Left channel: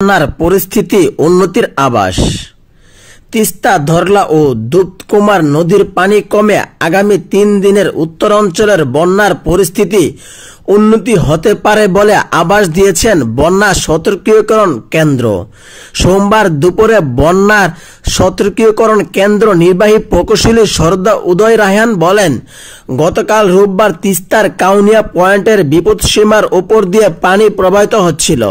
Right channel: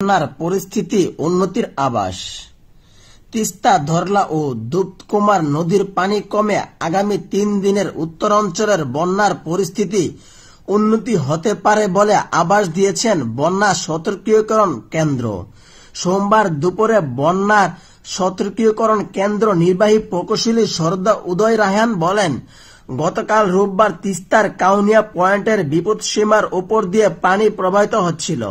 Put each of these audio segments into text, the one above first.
বন্যার পরিস্থিতি উন্নতির আভাস। তিস্তা, ধরলা ও দুধকুমার নদীর পানি কমে আগামী 3 দিনের উত্তরাঞ্চলের বন্যার পরিস্থিতি উন্নতি হতে পারে বলে আভাস দিয়েছেন বন্যা সতর্কীকরণ কেন্দ্র। সোমবার দুপুরে বন্যার সতর্কীকরণ কেন্দ্র নির্বাহী প্রকৌশলী সরদা উদয় রায়হান বলেন, গতকাল রোববার তিস্তার কাউনিয়া পয়েন্টের বিপদসীমার উপর দিয়ে পানি প্রবাহিত হচ্ছিল।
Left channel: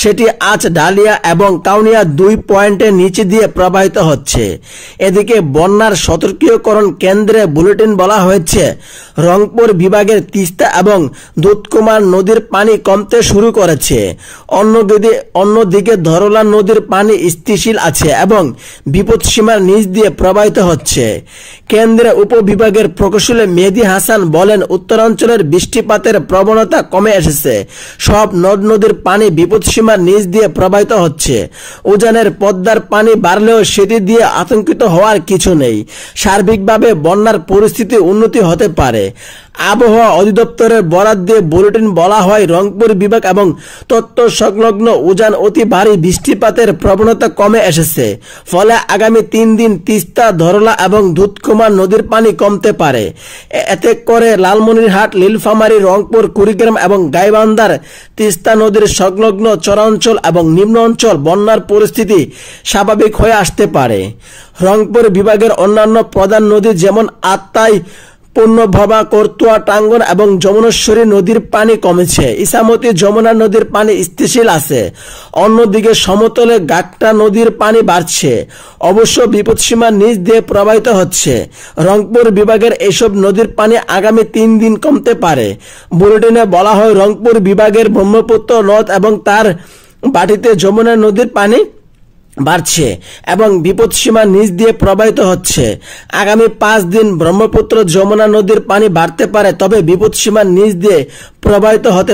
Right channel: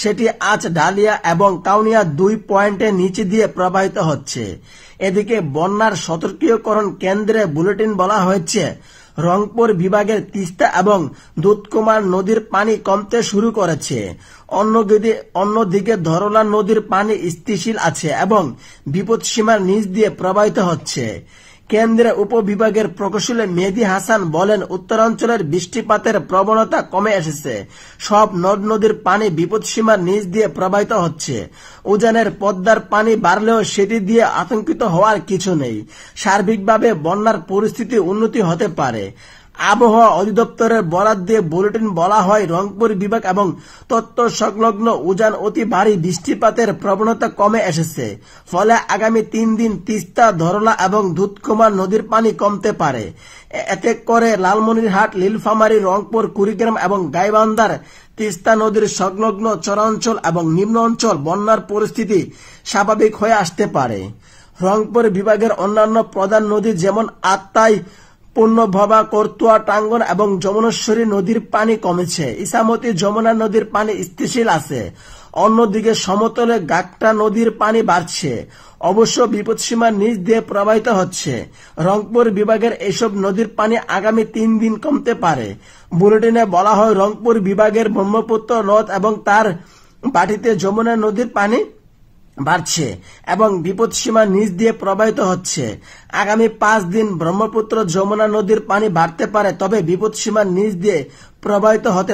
সেটি আজ ডালিয়া এবং কাউনিয়া 2 পয়েন্টের নিচে দিয়ে প্রবাহিত হচ্ছে। এদিকে বন্যার সতর্কীকরণ কেন্দ্রে বুলেটিন বলা হয়েছে, রংপুর বিভাগের তিস্তা এবং দুধকুমার নদীর পানি কমতে শুরু করেছে। অন্যদিকে ধরলা নদীর পানি স্থিতিশীল আছে এবং বিপদসীমার নিচ দিয়ে প্রবাহিত হচ্ছে। কেন্দ্রের উপবিভাগের প্রকৌশলী মেহেদী হাসান বলেন, উত্তরাঞ্চলের বৃষ্টিপাতের প্রবণতা কমে এসেছে। সব নদ নদীর পানি বিপদসীমার নিচ দিয়ে প্রবাহিত হচ্ছে। উজানের পদ্মার পানি বাড়লেও সেটি দিয়ে আতঙ্কিত হওয়ার কিছু নেই। সার্বিকভাবে বন্যার পরিস্থিতি উন্নতি হতে পারে। আবহাওয়া অধিদপ্তরের বরাত দিয়ে বুলেটিন বলা হয়, রংপুর বিভাগ এবং তত্ত্ব সংলগ্ন উজান অতি ভারী বৃষ্টিপাতের প্রবণতা কমে এসেছে। ফলে আগামী 3 দিন তিস্তা, ধরলা এবং দুধকুমার নদীর পানি কমতে পারে। এতে করে লালমনিরহাট, নীলফামারী, রংপুর, কুড়িগ্রাম এবং গাইবান্ধার তিস্তা নদীর সংলগ্ন চরাঞ্চল এবং নিম্ন অঞ্চল বন্যার পরিস্থিতি স্বাভাবিক হয়ে আসতে পারে। রংপুর বিভাগের অন্যান্য প্রধান নদী যেমন আত্রাই, পূর্ণভবা, করতোয়া, টাঙ্গন এবং যমুনেশ্বরী নদীর পানি কমেছে। ইছামতি, যমুনা নদীর পানি স্থিতিশীল আছে। অন্যদিকে সমতলে গাকটা নদীর পানি বাড়ছে, অবশ্য বিপদসীমার নিচ দিয়ে প্রবাহিত হচ্ছে। রংপুর বিভাগের এসব নদীর পানি আগামী 3 দিন কমতে পারে। বুলেটিনে বলা হয়, রংপুর বিভাগের ব্রহ্মপুত্র নদ এবং তার বাটিতে যমুনা নদীর পানি বাড়ছে এবং বিপদসীমার নিচ দিয়ে প্রবাহিত হচ্ছে। আগামী 5 দিন ব্রহ্মপুত্র, যমুনা নদীর পানি বাড়তে পারে, তবে বিপদসীমার নিচ দিয়ে প্রবাহিত হতে